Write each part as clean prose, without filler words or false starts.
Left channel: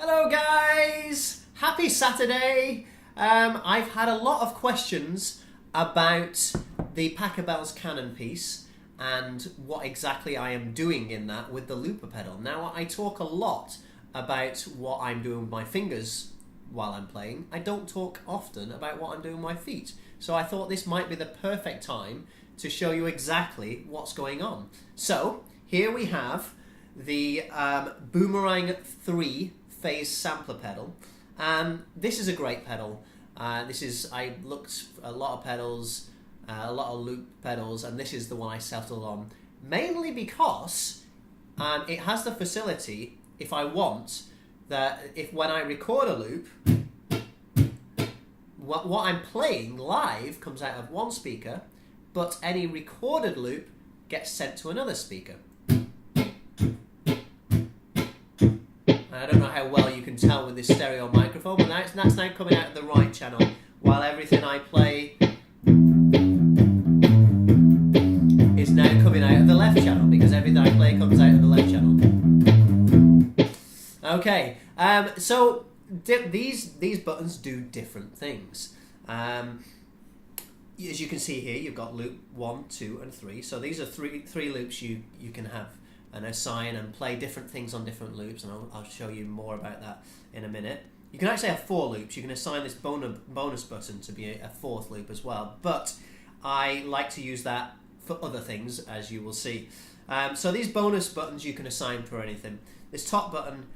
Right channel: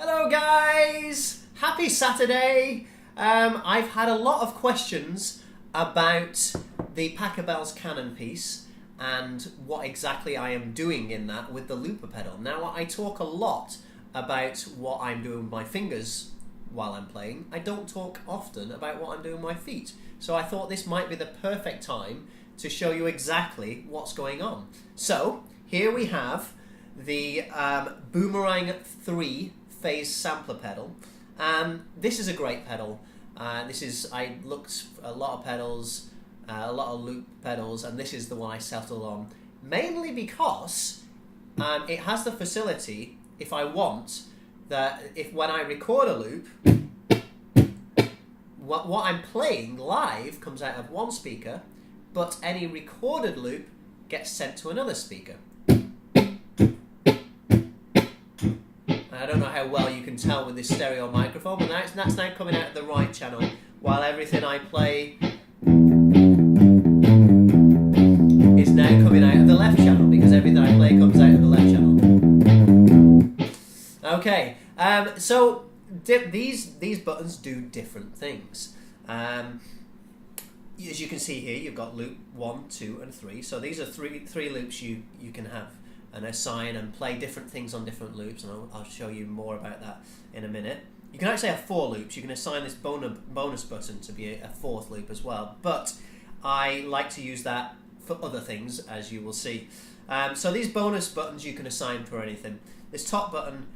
Hello guys! Happy Saturday! I've had a lot of questions about the Pachelbel's Canon piece and what exactly I am doing in that with the looper pedal. Now I talk a lot about what I'm doing with my fingers while I'm playing. I don't talk often about what I'm doing with my feet. So I thought this might be the perfect time to show you exactly what's going on. So here we have the Boomerang 3 phase sampler pedal. This is a great pedal. I looked at a lot of pedals, a lot of loop pedals, and this is the one I settled on, mainly because it has the facility, if I want, that if when I record a loop, what I'm playing live comes out of one speaker, but any recorded loop gets sent to another speaker. I don't know how well you can tell with this stereo microphone, but that's now coming out of the right channel, while everything I play is now coming out of the left channel, because everything I play comes out of the left channel. Okay, so these buttons do different things. As you can see here, you've got loop 1, 2, and 3. So these are three loops you can have and assign and play different things on different loops, and I'll show you more about that in a minute. You can actually have 4 loops. You can assign this bonus button to be a 4th loop as well, but I like to use that for other things, as you will see. So these bonus buttons you can assign for anything. This top button,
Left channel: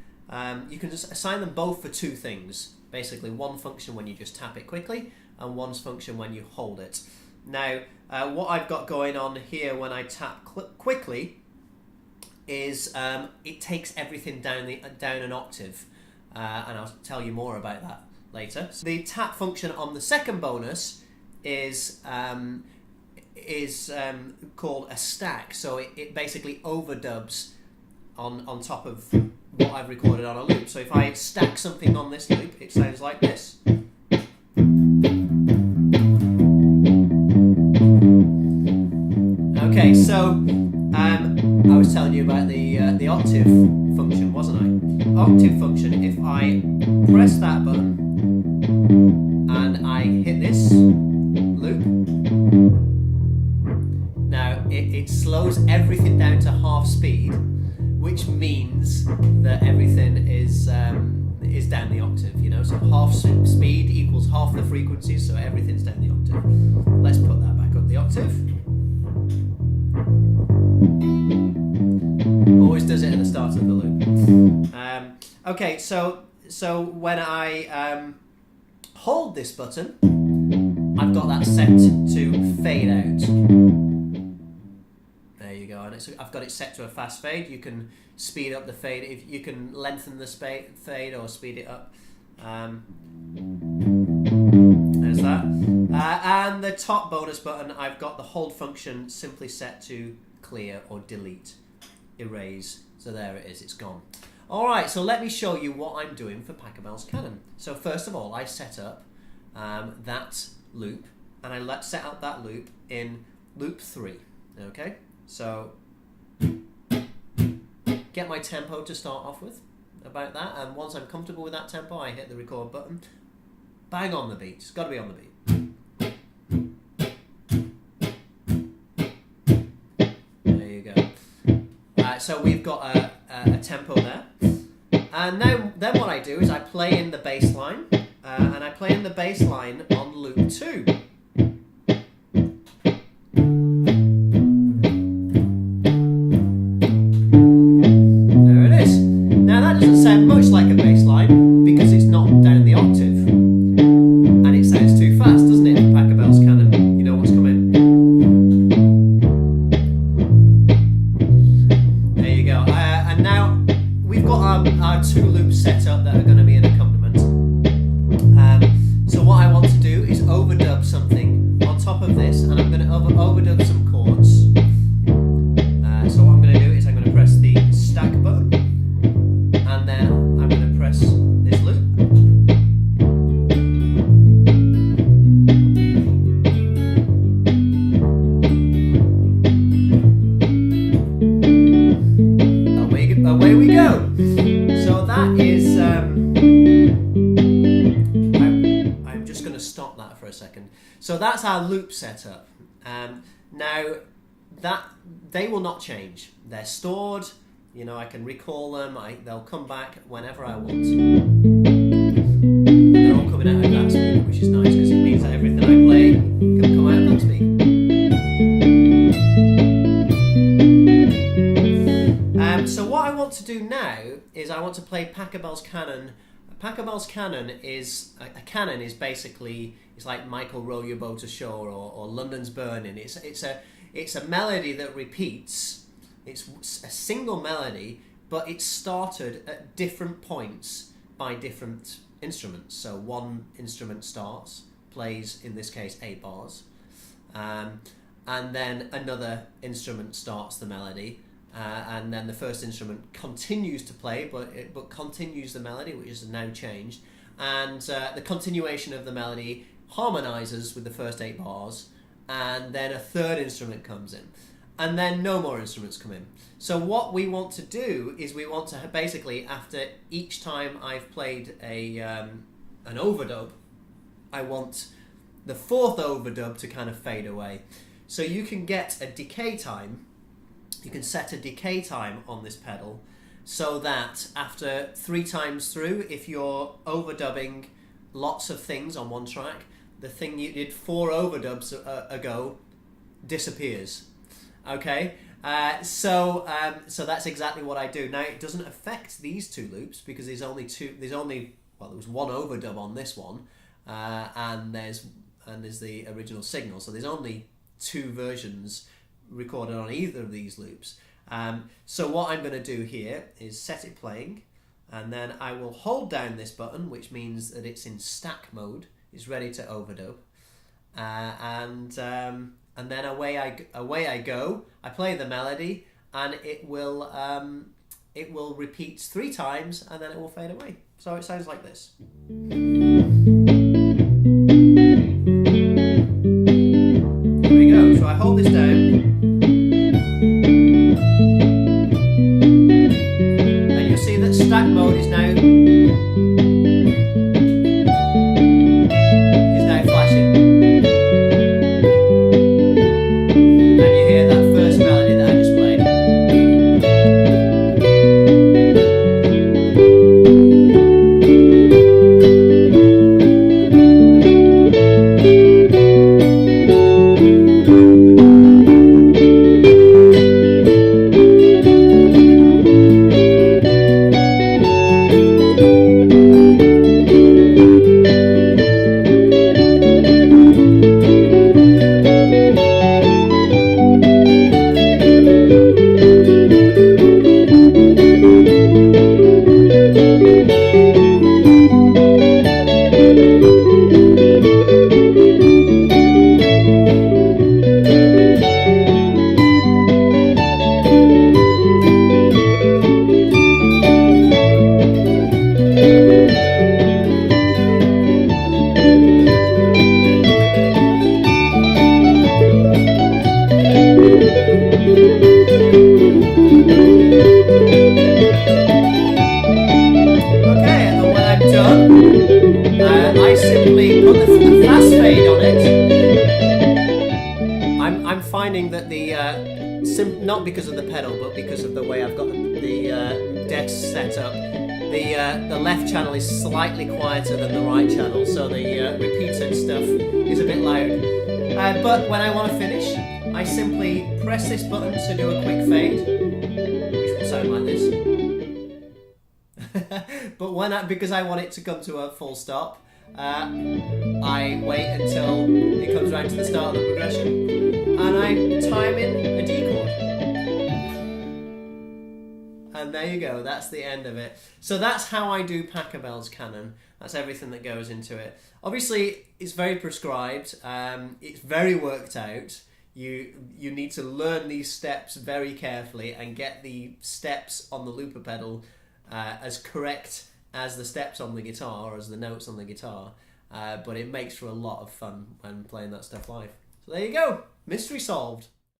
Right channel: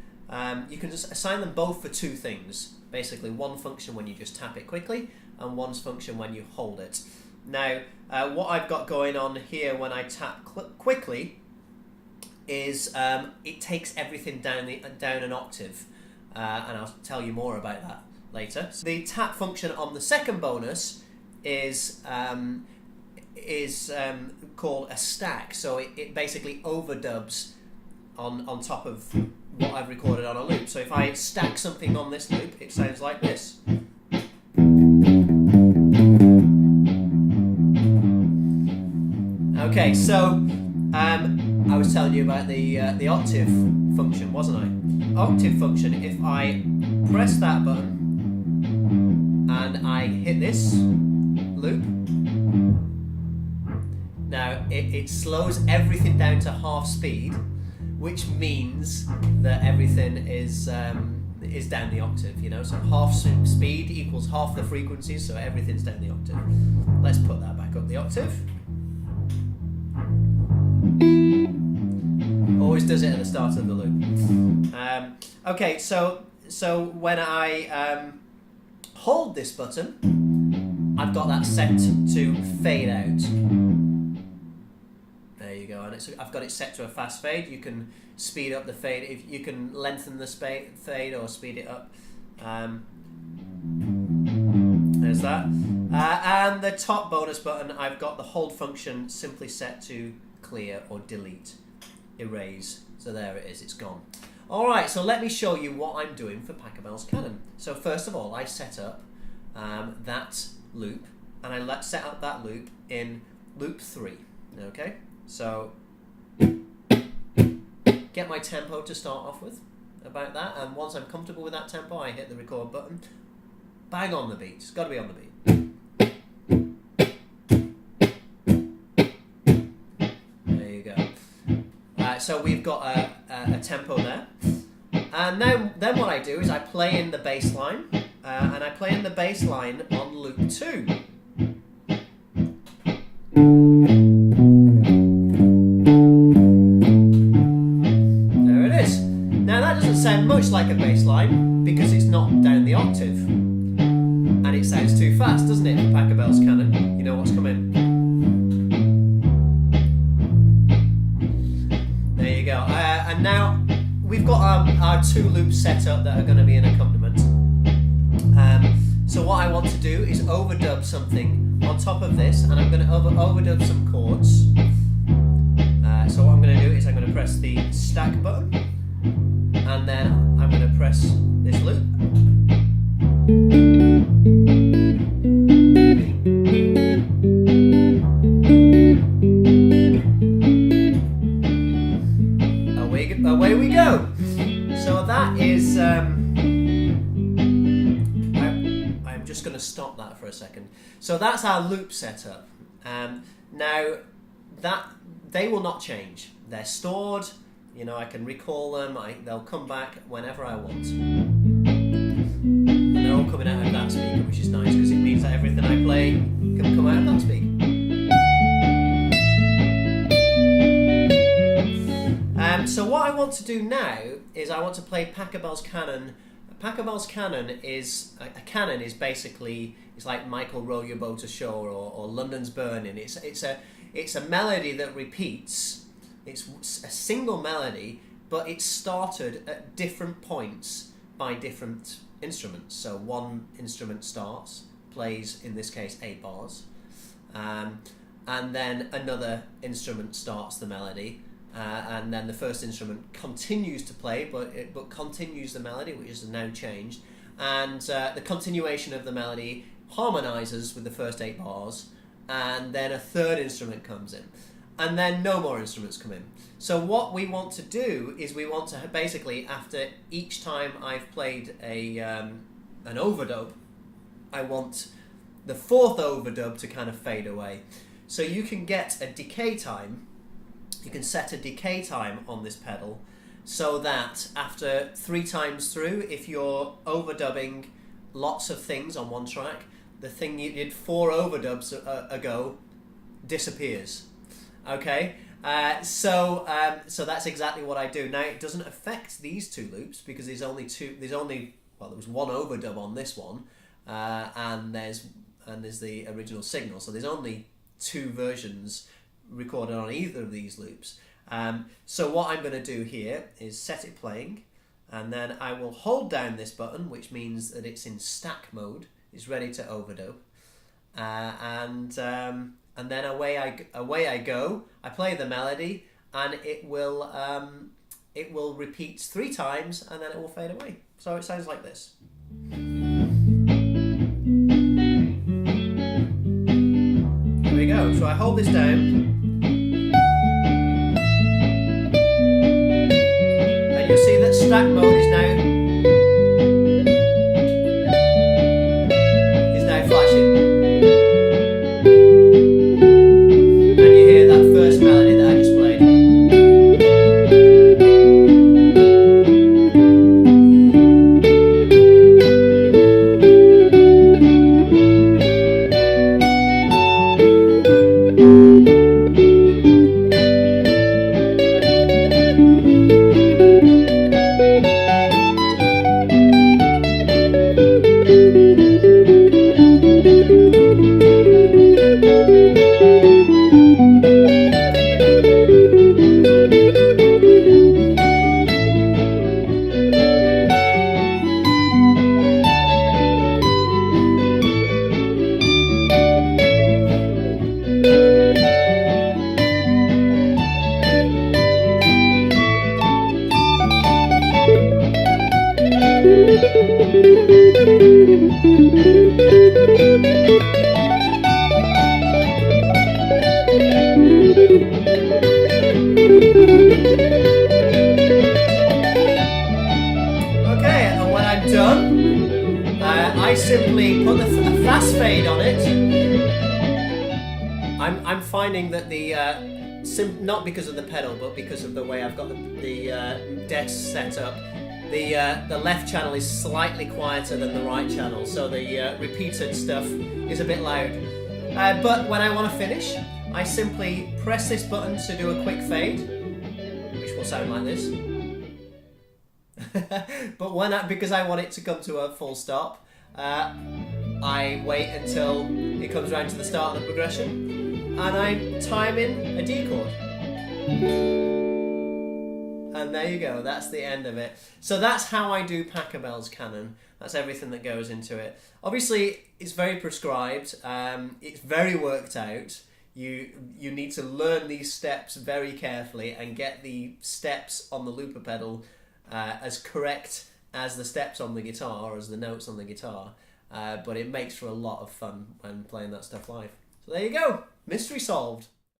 you can just assign them both for 2 things. Basically, one function when you just tap it quickly, and one's function when you hold it. Now, what I've got going on here when I tap quickly is it takes everything down an octave, and I'll tell you more about that later. So the tap function on the second bonus is called a stack. So it basically overdubs on top of what I've recorded on a loop. So if I stack something on this loop, it sounds like this. Okay, so I was telling you about the octave function, wasn't I? Octave function, if I press that button and I hit this loop, now it slows everything down to half speed, which means that everything is down the octave, you know, so half speed equals half the frequency, so everything's down the octave. Let's put that back up the octave. Always does it at the start of the loop. Okay, so when I hold this button, I've got that set to fade out. There you go, and I've got it set to a fast fade. You can speed up the fade, if you can lengthen the fade or speed it up. There's that. And the top bonus button, I've got the hold function simply set to clear or delete, erase. So there it is, it's gone. Alright, so let me show you what I'm doing for Pachelbel's Canon. So first of all, I set up that loop, and I set up that loop in loop 3. Okay, so get my tempo to start off with, about that, and once I'm comfortable with that tempo, I hit the record button. Bang on the beat, it's got to be on the beat. There you go. So we've got a tempo there, and then what I do is I play in the bass line, and I play in the bass line on loop 2. There it is. Now that doesn't sound much like a bass line because it's not down the octave, and it sounds too fast, doesn't it, for Pachelbel's Canon? You know what's coming. There you go. And now we've got our 2 loops set up that are going to be an accompaniment. So what I want to do is overdub something on top of this, and I'm going to overdub some chords. So what I'm going to do is I'm going to press the stack button, and then I'm going to press this loop. Away we go. So that is I'm just going to stop that for a second. So that's our loop setup. Now that they will not change. They're stored. You know, I can recall them. They'll come back whenever I want. And they're all coming out of that speaker, which is nice because it means that everything I play can come out of that speaker. So what I want to do now is I want to play Pachelbel's Canon. Pachelbel's Canon is a canon is basically it's like Michael Row Your Boat Ashore or London's Burning. It's a melody that repeats. It's a single melody, but it's started at different points by different instruments. So one instrument starts, plays in this case 8 bars, and then another instrument starts the melody. And then the first instrument continues to play, but continues the melody, which is now changed. And the continuation of the melody harmonizes with the first 8 bars, and then a third instrument comes in. And then no more instruments come in. So what we want to do is we want to basically, after each time I've played an overdub, I want the 4th overdub to kind of fade away. So you can get a decay time. You can set a decay time on this pedal so that after 3 times through, if you're overdubbing lots of things on one track, the thing you did 4 overdubs ago disappears. Okay, so that's exactly what I do. Now it doesn't affect these 2 loops because there was one overdub on this one, and there's the original signal. So there's only 2 versions recorded on either of these loops. So what I'm going to do here is set it playing, and then I will hold down this button, which means that it's in stack mode. It's ready to overdub, and then away I go. I play the melody, and it will repeat 3 times, and then it will fade away. So it sounds like this. Here we go. So I hold this down. You'll see that stack mode is now flashing, and you hear that first melody that I just played. I simply put a fast fade on it. I'm finding that the not because of the pedal, but because of the way I've got the decks set up, the left channel is slightly quieter than the right channel, so the repeated stuff is a bit loud. But when I want to finish, I simply press this button to do a quick fade, which will sound like this. But because I want it to come to a full stop, I wait until it comes around to the start of the progression, and I time in a D chord. And there you go, that's the end of it. So that's how I do Pachelbel's Canon. That's everything that goes into it. Obviously, it's very prescribed. It's very worked out. You need to learn these steps very carefully and get the steps on the looper pedal as correct as the steps on the guitar or as the notes on the guitar. But it makes for a lot of fun when playing that stuff live. So there you go, mystery solved.